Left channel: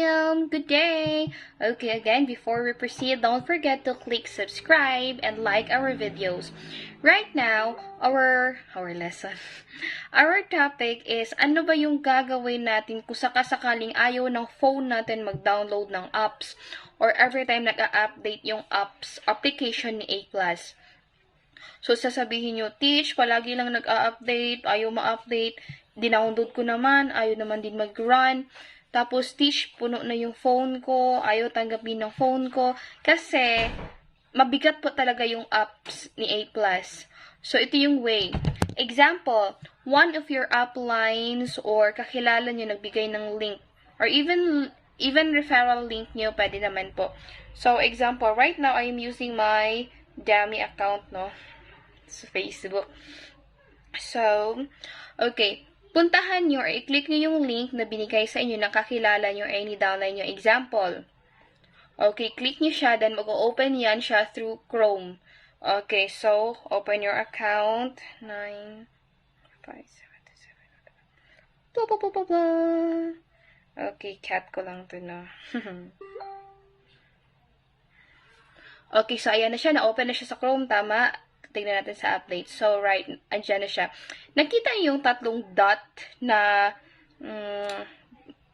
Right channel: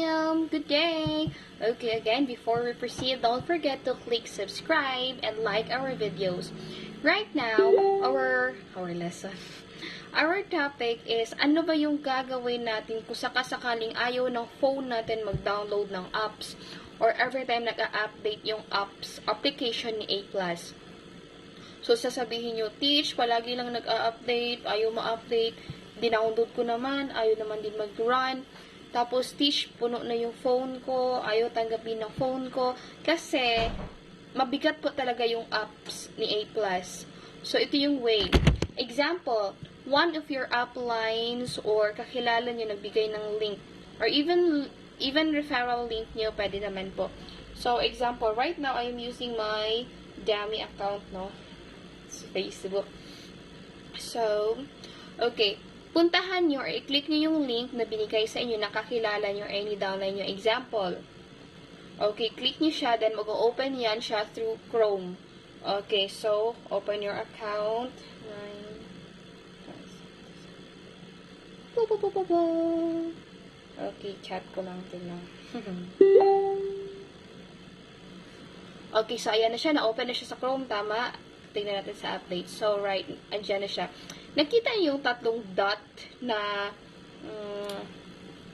Good day! Okay, again, before we proceed, don't forget to click subscribe and like our videos. Right now, our lesson. Our topic is, ano ba yung gagawin natin kung sakasakaling ayaw ng phone natin mag-download ng apps or every time nag-a-update yung application ni A+. So, sasabihin nyo, Teach, palagi lang nag-a-update, ayaw ma-update, dinownload ko naman, ayaw naman din mag-run. Tapos, Teach, puno na yung phone ko, ayaw tanggapin ng phone ko. Kasi, mabigat po talaga yung apps ni A+. So, ito yung way. Example, one of your uplines or kakilala nyo nagbigay ng link. Or even referral link nyo, pwede naman po. So, example, right now, I'm using my Dami account, no? Sa Facebook. So, okay. Puntahan nyo or i-click nyo yung link na binigay sa inyo na kakilala nyo or ni-download nyo. Example. Okay, click nyo siya, then mag-open yan siya through Chrome. Okay, so, open your account. 9, 5, 7, 8. Okay, cat ko lang ito na. Okay, so ayan na siya. Na-open na siya sa Chrome. Tama. Tingnan natin sa update. So, right, andyan na siya. Nakita niyo yung tatlong dot na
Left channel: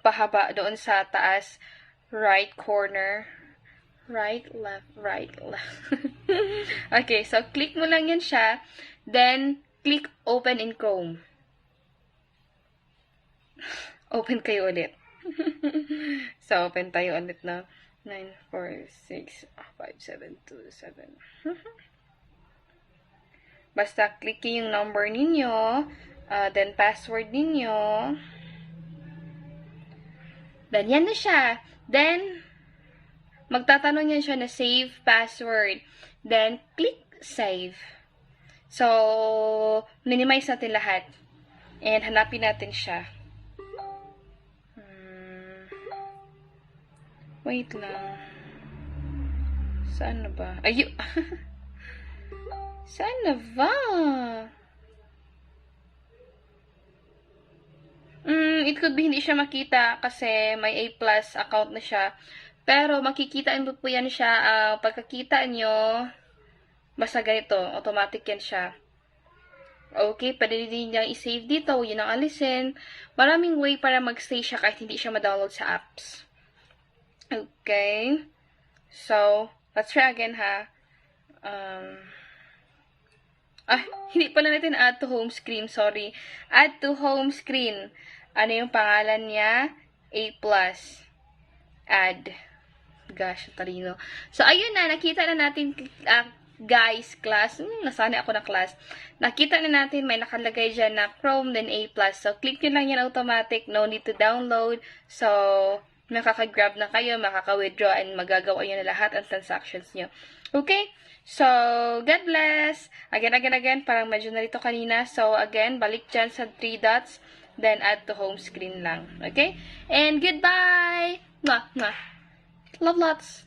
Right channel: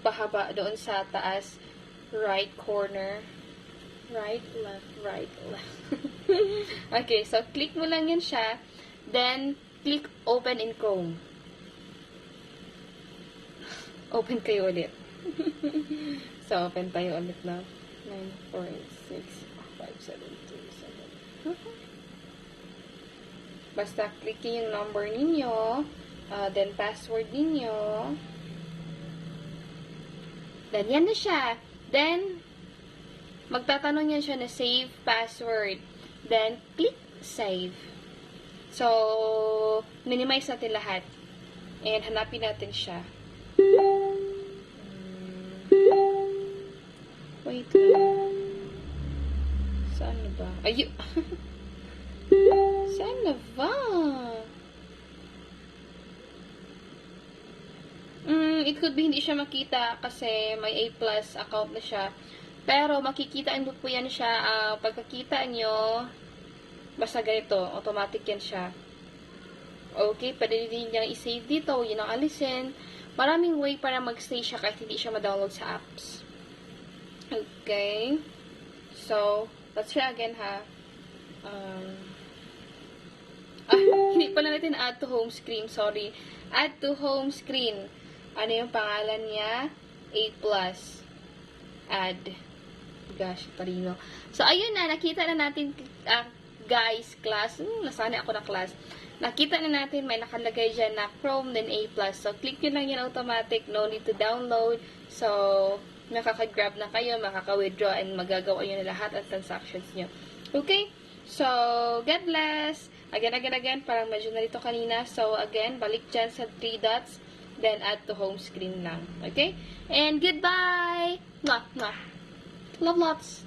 pahaba doon sa taas. Right corner. Right, left, right, left. Okay, so click mo lang yan siya. Then, click open in Chrome. Open kayo ulit. So, open tayo ulit na. 9, 4, 6, 5, 7, 2, 7. Basta, click yung number ninyo. Then, password ninyo. Then, yan na siya. Then, magtatanong yan siya na save password. Then, click save. So, minimize natin lahat. And, hanapin natin siya. Wait lang. Saan na ba? Ayun. Saan na ba? It could be hindi siya makita kasi may A+ account na siya. Pero makikita nyo po yan siya. Pagkakita nyo, basta ganito, automatic yan siya. Okay, pwede din niya i-save dito. Yun ang alisin. Maraming way para mag-stay siya kahit hindi siya ma-download sa apps. Okay. So, let's try again ha. Hindi pala natin add to home screen. Sorry. Add to home screen. Ano yung pangalan niya? A+. Add. Gosh, talino. So, ayun na. Nakita na natin, guys, class. Nasanay ako na class. Nakita na natin, may nakalagay dyan na Chrome, then A+. So, click nyo lang yan automatic. No need to download. So, makaka-grab na kayo, makaka-withdraw, and magagawa nyo na lahat ang transactions nyo. Okay? So, God bless. Again, parang medyo narito kanina. So, again, balik dyan sa 3 dots. Then, add to home screen lang. Okay? And goodbye! Mwah, mwah. Love lots!